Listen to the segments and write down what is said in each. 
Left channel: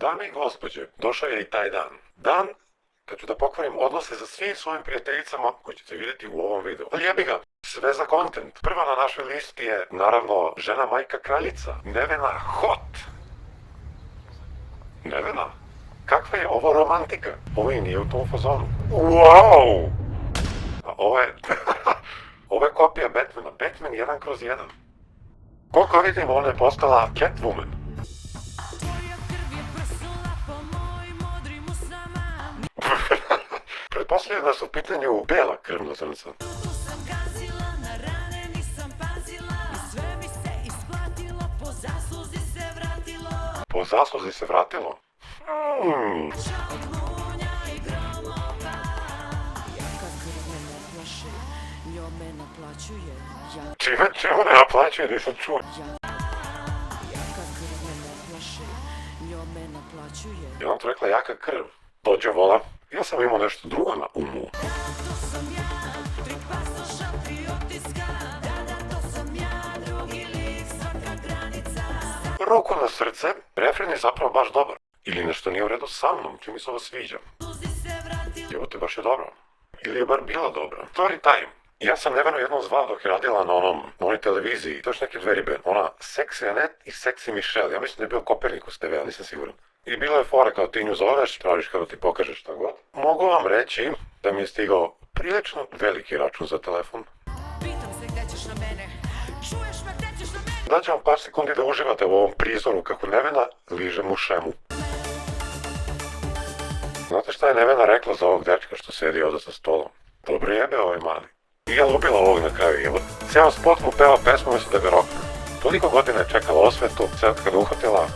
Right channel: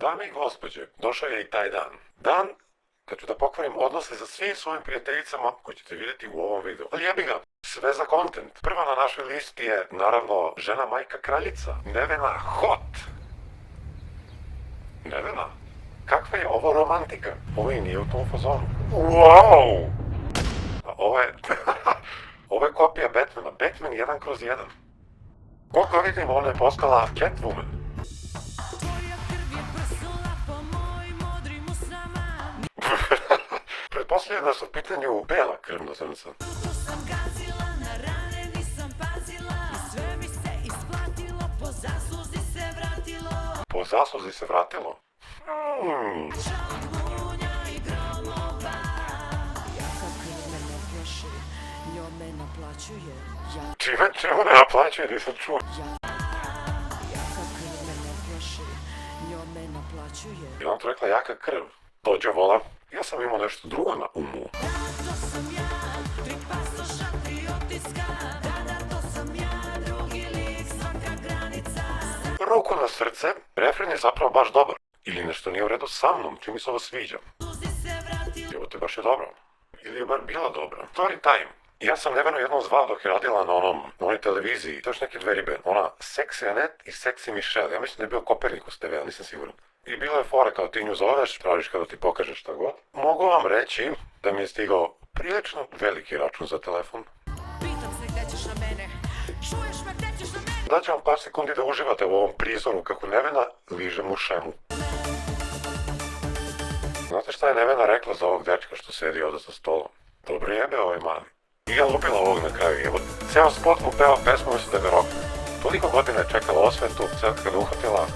Dame i gospođe, došao je i taj dan. Dan kad ću da pokvarim odnose sa svim svojim prijateljicama koje ćete vidjeti u ovom videu. Ali jebi ga, sve za content. Prva na našoj listi je, naravno, žena majka kraljica, Nevena Hot. Nevena, kakva je ovo romantika? Ovo i nije u tom fazonu. Wow! Ovo je... ovo je kopija Batmana. Batman 1/1. Koliko vidim, ona je postala Catwoman. Pretpostavljam da su u pitanju bela krvna zrnca. Po zasluzi se vratilo? Čime ne naplaćuje, nisam čuo. Je on to rekla jaka krv? Dođe vola. Ja sam imao nešto drugo na umu. Ruku na srce, refren je zapravo baš dobar. Ili nešto nije u redu sa mnom, čim mi se ovo sviđa. Evo te baš je dobro. Ili je bar bila dobra. Story time. Ja sam Nevenu jednom zvao dok je radila na onoj televiziji, taš neke dve ribe. Ona Sexy Annette i Sexy Michelle. Ja mislim da je bio Kopernikus TV, ali nisam siguran. I bilo je fore kao ti nju zoveš, tražiš kao da ti pokažeš šta god. Mogu vam reći da mi je stigao prilično veliki račun za telefon. Pitam se gdje ćeš na mene, čuješ me gdje ćeš na mene. Daću vam par sekundi da uživate u ovom prizoru kako Nevena liže mušemu. Znate šta je Nevena rekla za ovog dečka što sedi ovdje za stolom? Dobro jebe ovaj mali. I ja ubila ovog na kraju jebe. Cijel spot mu peva pesmu, mislim da je verovatno. Toliko godina je čekala osvetu, sad kada uhvatila,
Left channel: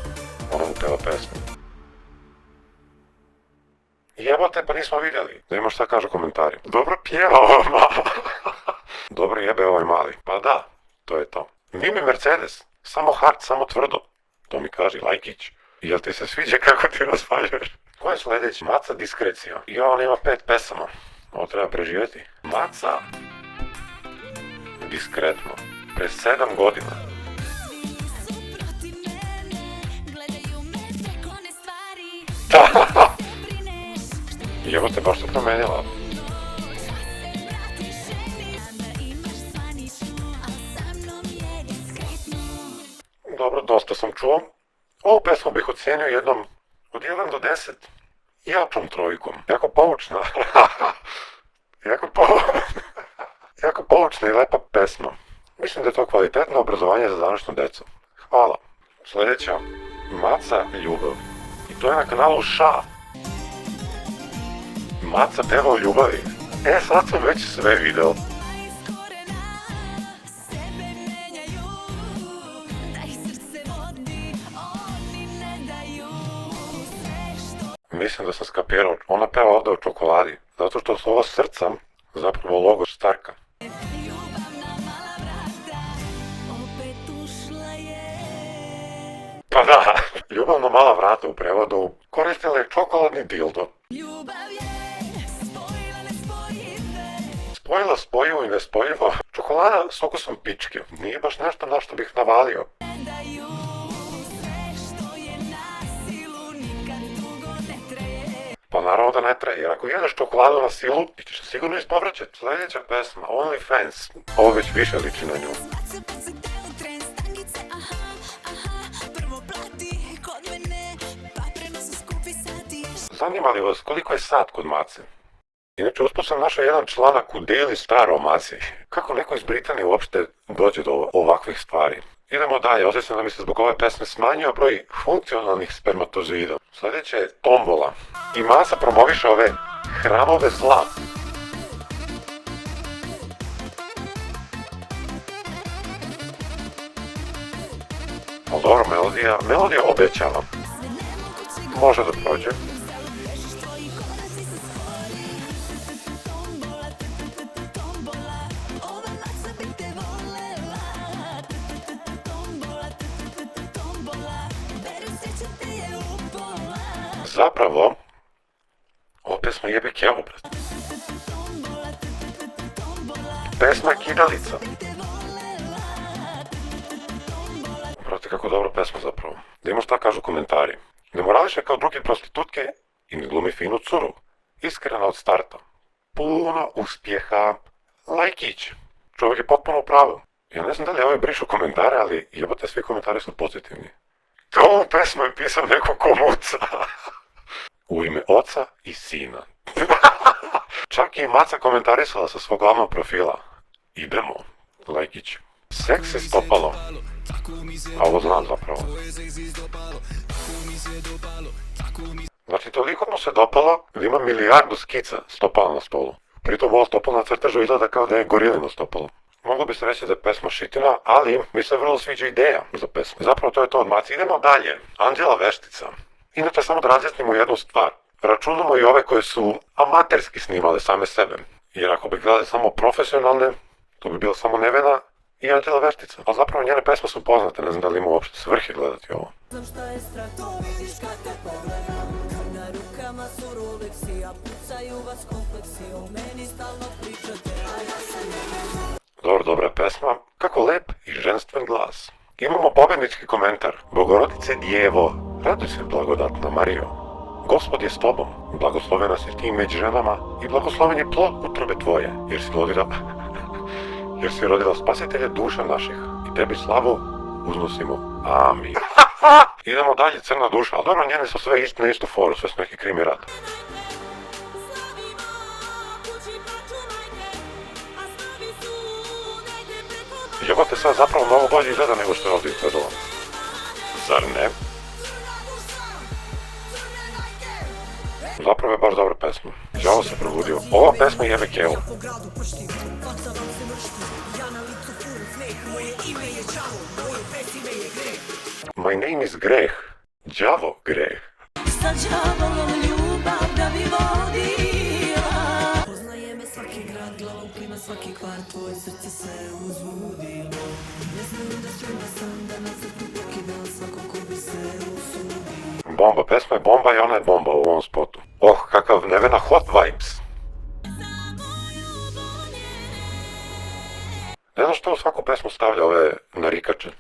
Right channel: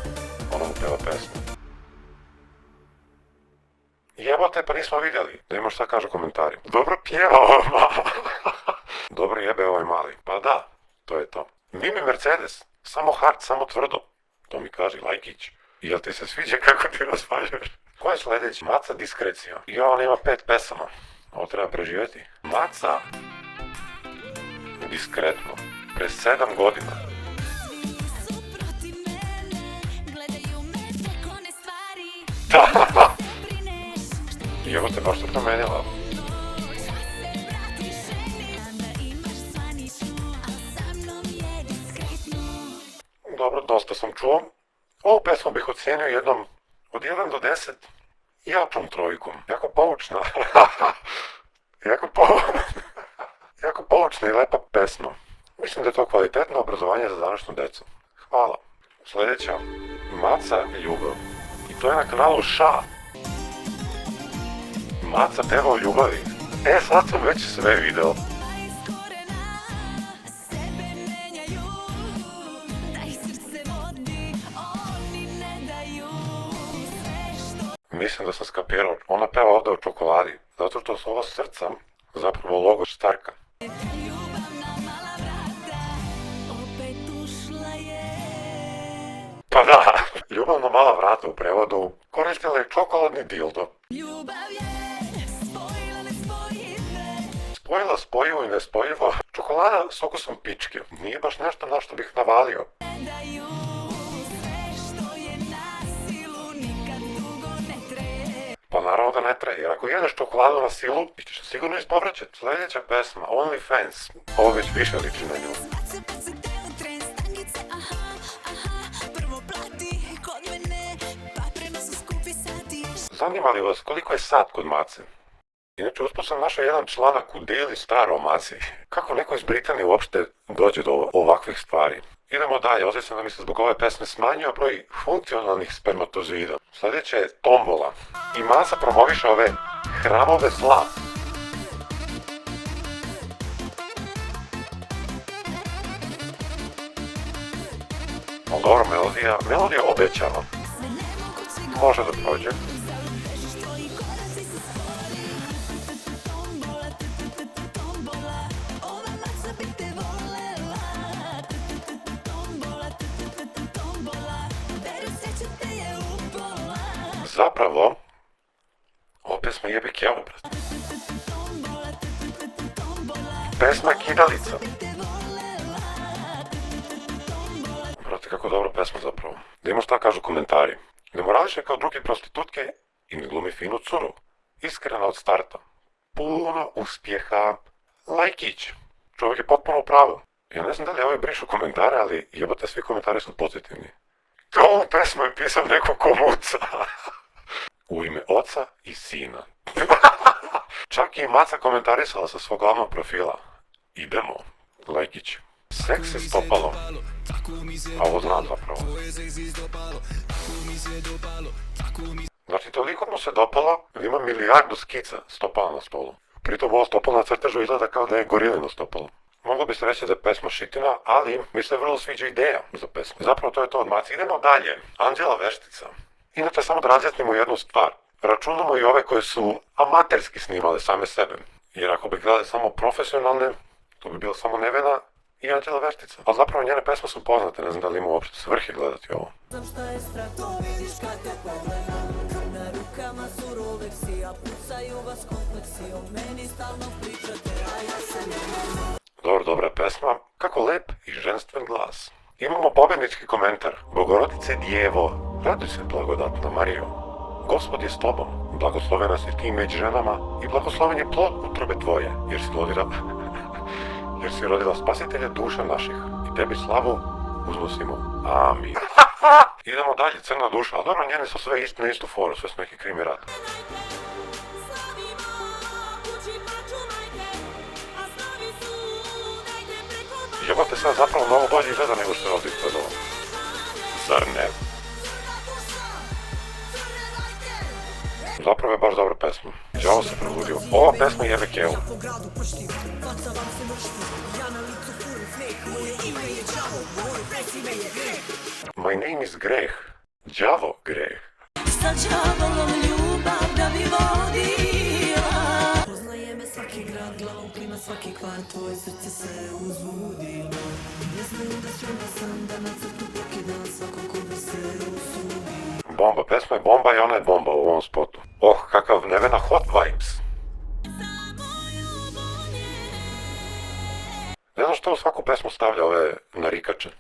ona mu peva pesmu. Jebote, pa nismo vidjeli. Da ima šta kaže u komentari. Dobro pjeva ovaj mali. Dobro jebe ovaj mali. Pa da, to je to. Nime Mercedes. Samo hard, samo tvrdo. To mi kaže Lajkić. Jel ti se sviđa kako ti raspažeš? Ko je sljedeći? Maca Diskrecija. I on ima 5 pesama. Ovo treba preživjeti. Maca Diskretno. Pre 7 godina. I evo te možda promenila. Dobro, dosta sam čuo. Ovu pesmu bih ocenio jednom od 1 do 10. Jačom trojkom. Jako poučna. Jako poučna i lepa pesma. Mislim da je to kvalitetno obrazovanje za današnju decu. Hvala. Sljedeća. Maca ljubav. I to je na kanalu Ša. Maca peva o ljubavi. Sad sam već sve video. Mislim da sam skapirao, ona peva ovdje o čokoladi, zato što su ova srca zapravo logo Starka. Pa da, ljubavno mala vrata u prevodu koristila je čokoladni dildo. Spojila spojivo i nespojivo, čokolada s okusom pičke, nije baš nešto na što bih navalio. Pa naravno da ne traje, jer ako jedeš čokoladu na silu, ti ćeš sigurno ispovraćati. Sljedeća pesma, OnlyFans, ovo već više liči na nju. Zanima li vas koliko je sat kod Mace? Inače, uspio sam našao jedan članak u Daily Star o Maci. Kako neko iz Britanije uopšte dođe do ovakvih stvari? Idemo dalje, osjećam da mi se zbog ove pesme smanjio broj funkcionalnih spermatozoida. Sljedeće je tombola. I Maca promoviše ove hramove zla. Ali dobro, melodija obećava. Može da prođe. Zapravo, ova pesma jebe kevu, brat. Pesma Kidalica. Brate, kako dobra pesma zapravo. Da ima šta kažu komentari. Ne morališe kao druge prostitutke i ne glumi finu curu. Iskrena od starta. Puno uspjeha. Lajkić. Čovjek je potpuno u pravu. Ja ne znam da li ovaj brišu komentare, ali jebote, svi komentari su pozitivni. To pesmu je pisao neko ko muca. U ime oca i sina. Čak i Maca komentarisala sa svog glavnog profila. Idemo, Lajkić. Seks je stopalo. A ovo znam zapravo. Znači, toliko mu se dopalo da ima milijardu skica stopala na stolu. Pritom ovo stopalo na crtežu izgleda kao da je gorilino stopalo. Moglo bi se reći da je pesma šitina, ali mi se vrlo sviđa ideja za pesmu. Zapravo to je to od Maci. Idemo dalje. Anđela Veštica. Inače, samo da razjasnimo jednu stvar. Računamo i ove koje su amaterski snimale same sebe. Jer ako bi gledali samo profesionalne, to bi bila samo Nevena i Anđela Veštica. Ali zapravo njene pesme su poznate, ne znam da li ima uopšte svrhe gledati ovo. Znam šta je strah, to vidiš kad te pogledam. Na rukama su Rolexi, a pucaju vas kompleksi. O meni stalno pričate, a ja se ne znam. Dobro, dobra pesma. Kako lep i ženstven glas. Imamo pobednički komentar. Bogorodice Djevo, raduj se blagodatna Marijo. Gospod je s tobom, blagoslovena si ti među ženama i blagosloven je plod utrobe tvoje, jer si rodila spasitelja duša naših i tebi slavu uznosimo. Amin. Idemo dalje, Crna duša. Dobro, njene su sve istu foru, sve su neki krimi rad. Jebate, sve zapravo mnogo bolje izgleda nego što je ovdje izgledalo. Zar ne? Zapravo je baš dobra pesma. Đavo se probudio. Ova pesma jebe kevu. My name is Greh. Đavo Greh. Sa đavolom ljubav da bi vodila. Poznaje me svaki grad, glavom klima svaki kvart, tvoje srce se uzbudilo. Ne znam da sam da na crtu pokidam svako ko bi se usudio. Bomba, pesma je bomba i ona je bomba u ovom spotu. Oh, kakav Nevena hot vibes. Ne znam što u svaku pesmu stavlja ove narikače.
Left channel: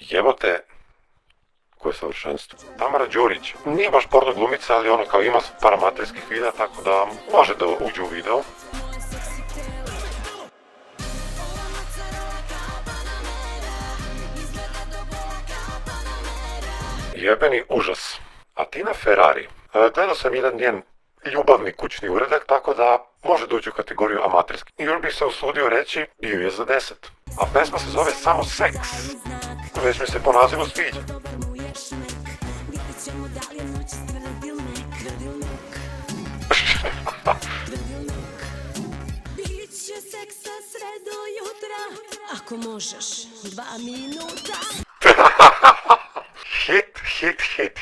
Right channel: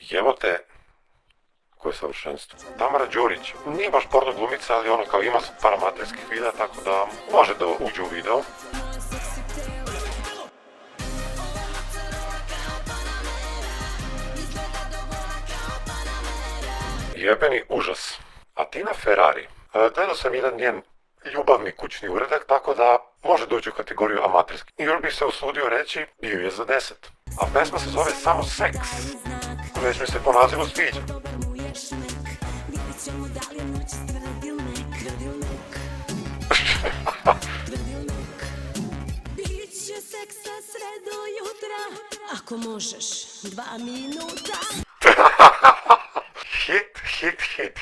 Jebote, koje savršenstvo. Tamara Đurić, nije baš porno glumica, ali ono kao ima paramaterskih videa, tako da može da uđe u video. Jebeni užas. Atina Ferrari. Gledao sam jedan njen ljubavni kućni uradak, tako da može doći u kategoriju amaterski. Ili bih se usudio reći, bio je za 10. A pesma se zove samo Seks. Već mi se po nazivu sviđa. Biće seksa sve do jutra, ako možeš 2 minuta.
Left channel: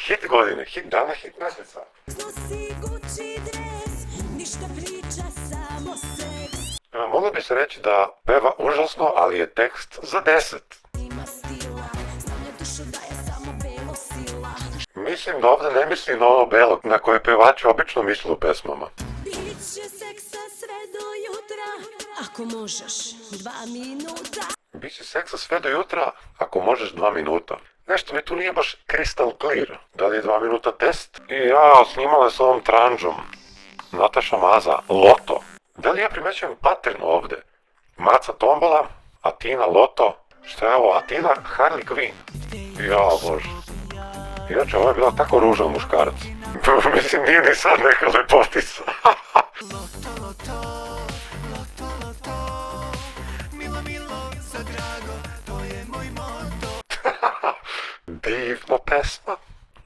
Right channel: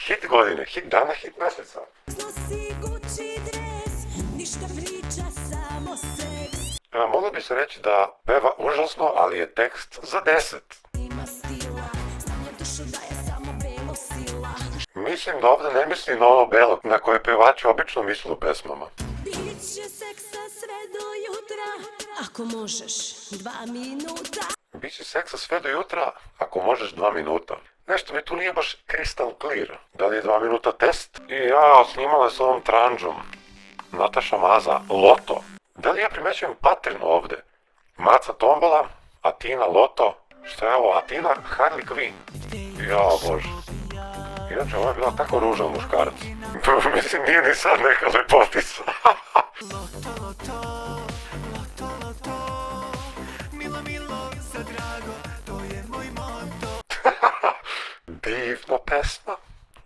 Hit godine, hit dana, hit mjeseca. Nosi Gucci dres, ništa priča, samo seks. Moglo bi se reći da peva užasno, ali je tekst za 10. Ima stila, stavlja dušu da je samo belo sila. Mislim da ovdje ne misli na ono belo na koje pevači obično misle u pesmama. Biće seksa sve do jutra, ako možeš 2 minuta. Biće seksa sve do jutra, ako možeš 2 minuta. Nešto mi tu nije baš crystal clear. Da li je 2 minuta test? I ja, snimala s ovom tranđom. Nataša Maza, Loto. Da li ja primećujem pattern ovdje? Maca Tombola, Atina Loto. Što je ovo? Atina Harley Quinn. Jao bože. Inače, ovo je bila tako ružan muškarac. Mislim, nije ni sad neka lepotica. Divna pesma.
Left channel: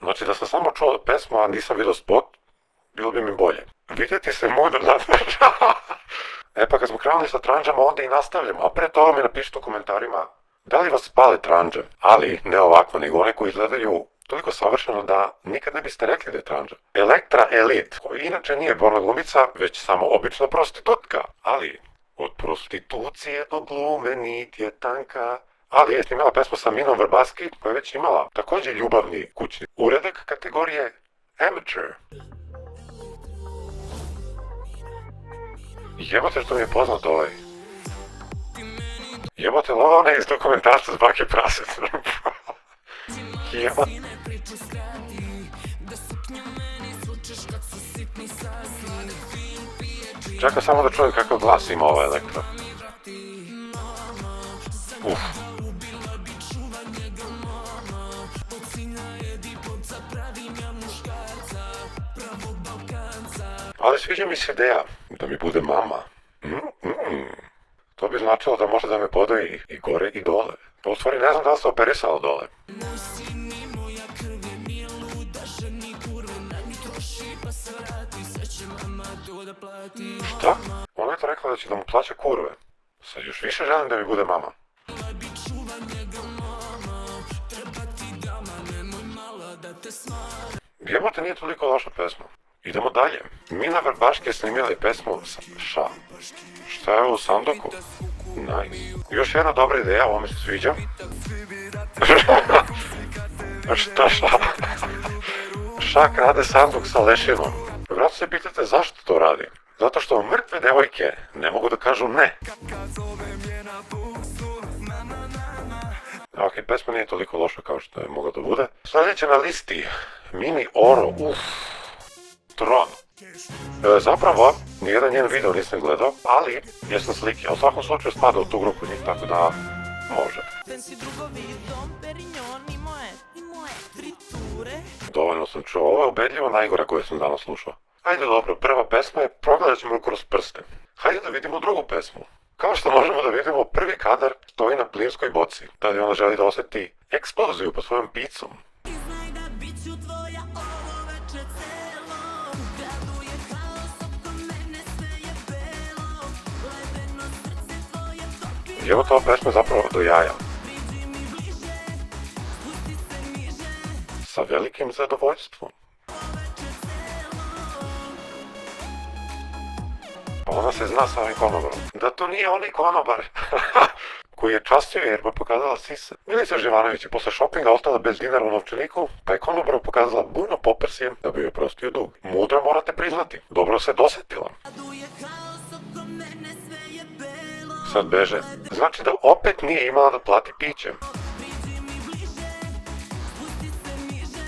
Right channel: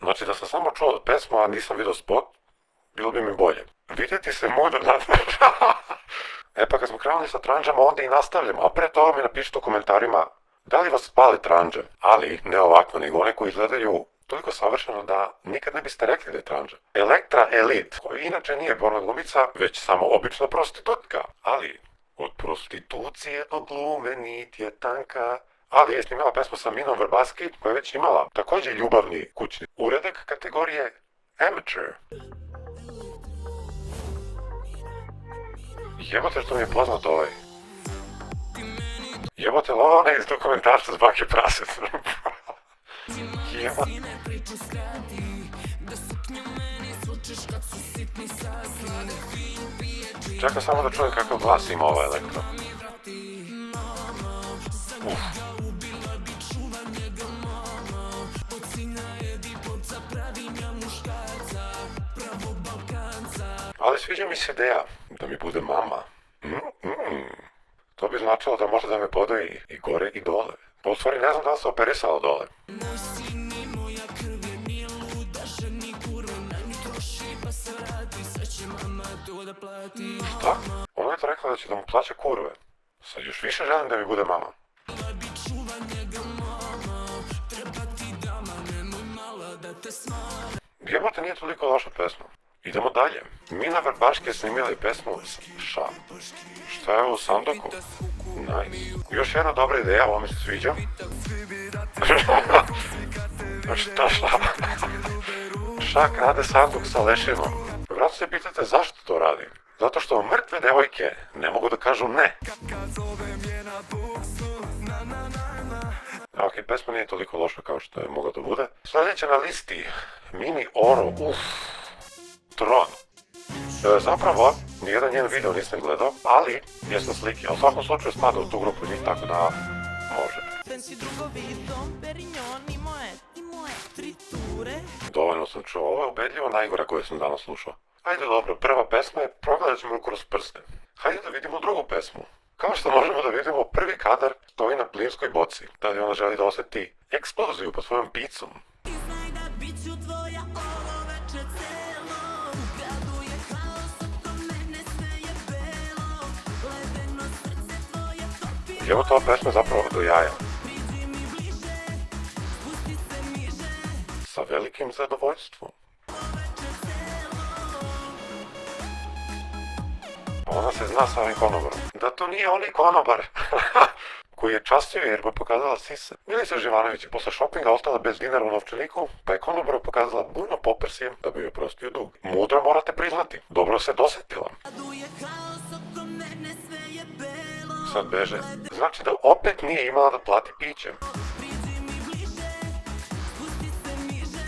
Znači, da sam samo čuo pesmu, a nisam vidio spot, bilo bi mi bolje. Vidjeti se mudro natrčao. E pa kad smo krenuli sa tranđama, onda i nastavljamo. A pre toga mi napišite u komentarima da li vas pele tranđe, ali ne ovako, nego one koji izgledaju toliko savršeno da nikad ne biste rekli da je tranđa. Elektra Elite, koja inače nije porno glumica, već samo obična prostitutka. Ali, od prostitucije do glume nit je tanka. Ali je snimala pesmu sa Minom Vrbaski, koja je već imala također ljubavni kućni uradak kategorije Amateur. Jebote što mi je poznato ovaj. Jebote, ovo ona iz dokumentarca s Bake prasec. Jebo. Priču skrati, da suknju meni svučeš kad su sitni sasi. Sladak fin pije džin, Čekaj samo da čujem kako glasi ima ova Elektra. mi vrati. Mama, za njega ubila bi čuva njega mama. Od sina je diplomca, pravim ja muškarca, pravog Balkanca. Ali sviđa mi se ideja da mi bude mama. To bi značilo da može da me podoji i gore i dole. U stvari ne znam da li sam operisala dole. Moj sin i moja krv je nije luda, ženi kurve, na nju troši pa se vrati, sve će mama to da plati. Šta? Ona je to rekla da će da mu plaća kurve. Sad još više želim da mi bude mama. Bila bi čuva njega mama, treba ti dama, nemoj mala da te smara. Jebote, nije toliko loša pesma. Idemo dalje. Mina Vrbaške snimili pesmu Ša. Šta je u soundtracku? Nice. Još jedna dobra ideja, ovo mi se sviđa. Šta? Ša krade soundtrack sa lešinom. Vratno se pitate zašto to radi. Zato što mrtve devojke ne mogu da kažu ne. Ok, pesma nije toliko loša kao što je mogla da bude. Sljedeće na listi, Mini Oro, Tron. Zapravo, nijedan njen video nisam gledao, ali jesam slike. U svakom slučaju spada u tu grupu njih, tako da može. Fancy drugovi, Dom Perignon i moje friture. Dovoljno sam čuo, ovo je ubedljivo najgore koje sam danas slušao. Ajde dobro, prva pesma je Progledat ćemo kroz prste. Hajde da vidimo drugu pesmu. Kao što možemo da vidimo, prvi kadar stoji na plinskoj boci. Da li ona želi da osjeti eksploziju po svojom picom. I znaj da bit ću tvoja ovo veče celo. U gradu je haos, oko mene sve je belo. Ledeno srce tvoje topi. I evo to pesma zapravo do jaja. Priđi mi bliže, spusti se niže. Sa velikim zadovoljstvom. Ovo veče celo. Ona se zna sa ovim konobarom. Da to nije onaj konobar. Koji je častio jer mu pokazala sisa. Milica Živanović je posle šopinga ostala bez dinara u novčaniku, pa je konobaru pokazala burno poprsjem da bi joj prostio dug. Mudro morate priznati. Dobro se dosetila. Gradu je haos, oko mene sve je belo. Sad beže. Znači da opet nije imala da plati piće. Priđi mi bliže, spusti se niže.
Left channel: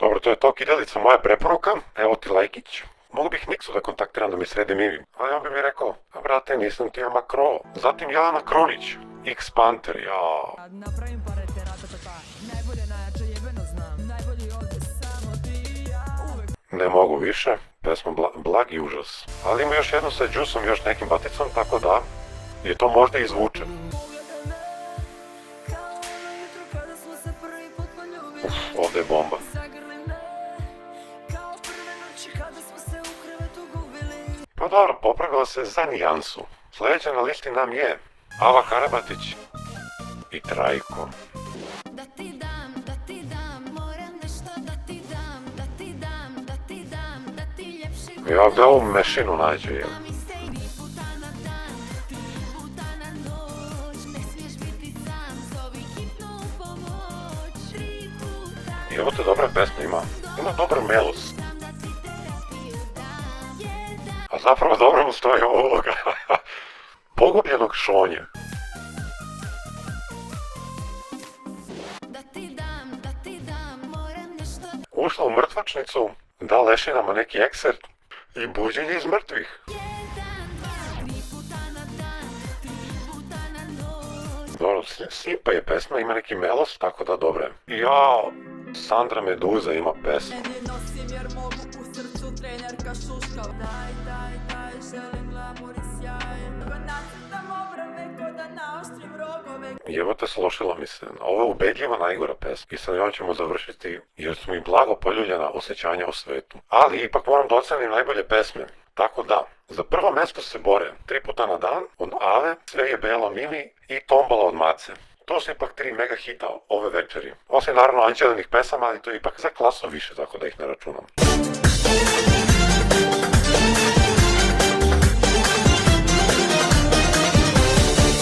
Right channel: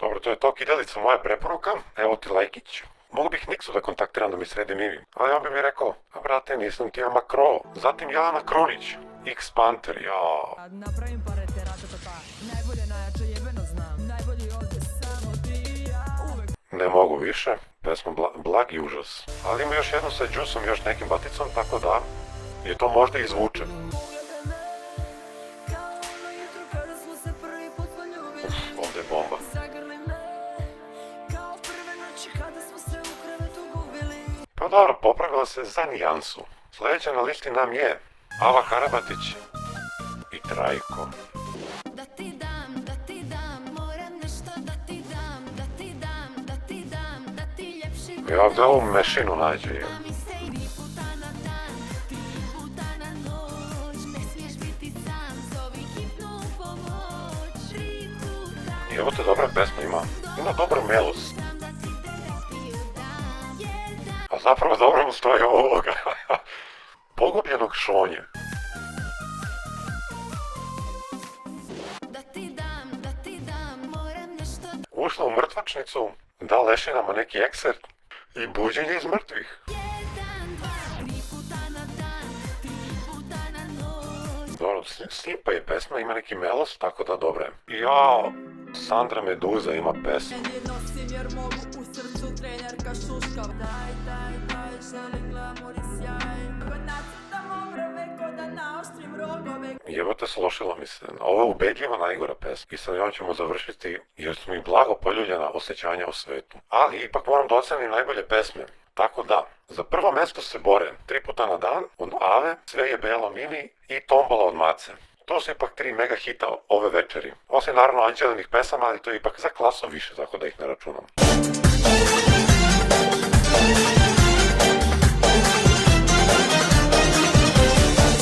Dobro, to je to, Kidelica, moja preporuka. Evo ti lajkić. Mogu bih Niksu da kontaktiram da mi sredi mimim. Ali on bi mi rekao, brate, nisam ti Makro. Zatim Jana Krunić. X-Panter, jao. Napravim parete, ratatata. Najbolje, najjače, jebeno znam. Najbolji ovdje samo ti i ja. Uvek Ne mogu više. Pesma blagi užas. Ali ima još jedno sa Džusom i još nekim baticom, tako da je to možda i zvuče. Pogledaj me, kao ono jutro kada smo se prvi put poljubili. Ovdje je bomba. Zagrli me, kao prve noći kada smo se u krevetu gubili. Pa dobro, popravila se za nijansu. Sljedeća na listi nam je Ava Karabatić i Trajko. Da ti dam, moram nešto da ti dam, da ti dam, da ti dam, da ti ljepši. Ja ovdje ovu mešinu nađu. Da mi se 3 puta na dan, 3 puta na noć. Ne smiješ biti sam, zovi hitnu pomoć. 3 puta. I evo te dobra pesma ima. Ima dobar melus. Znam da ti terapiju dam, jedan. A zapravo dobro mu stoji uloga. Pogubljenog šonje. Da ti dam, moram nešto. Ušla u mrtvačnicu, da lešinama neki ekser i buđenje iz mrtvih. 1, 2, 3 puta na dan, 3 puta na noć. Dobro, sipa je pesma, ima neki melos, tako da dobro je. Jao, Sandra Meduza ima pesmu. ne nosim jer mogu u srcu trenerka šuška. Daj, želim glamur i sjaj. Ko nacrtam obrve, ko da naoštrim rogove. Evo te slošilo mi se. Ovo je ubedljivo najgora pesma. I sa njom ćemo završiti jer su mi blago poljuljena osjećanja u svetu. Ali ipak moram da ocenim najbolje pesme. Tako da, za prvo mjesto se bore 3 puta na dan od Ave, Sve je belo Mini i Tombala od Mace. To su ipak 3 mega hita ove večeri. Osim naravno Anđelinih pesama, ali to je ipak za klasu više, tako da ih ne računam.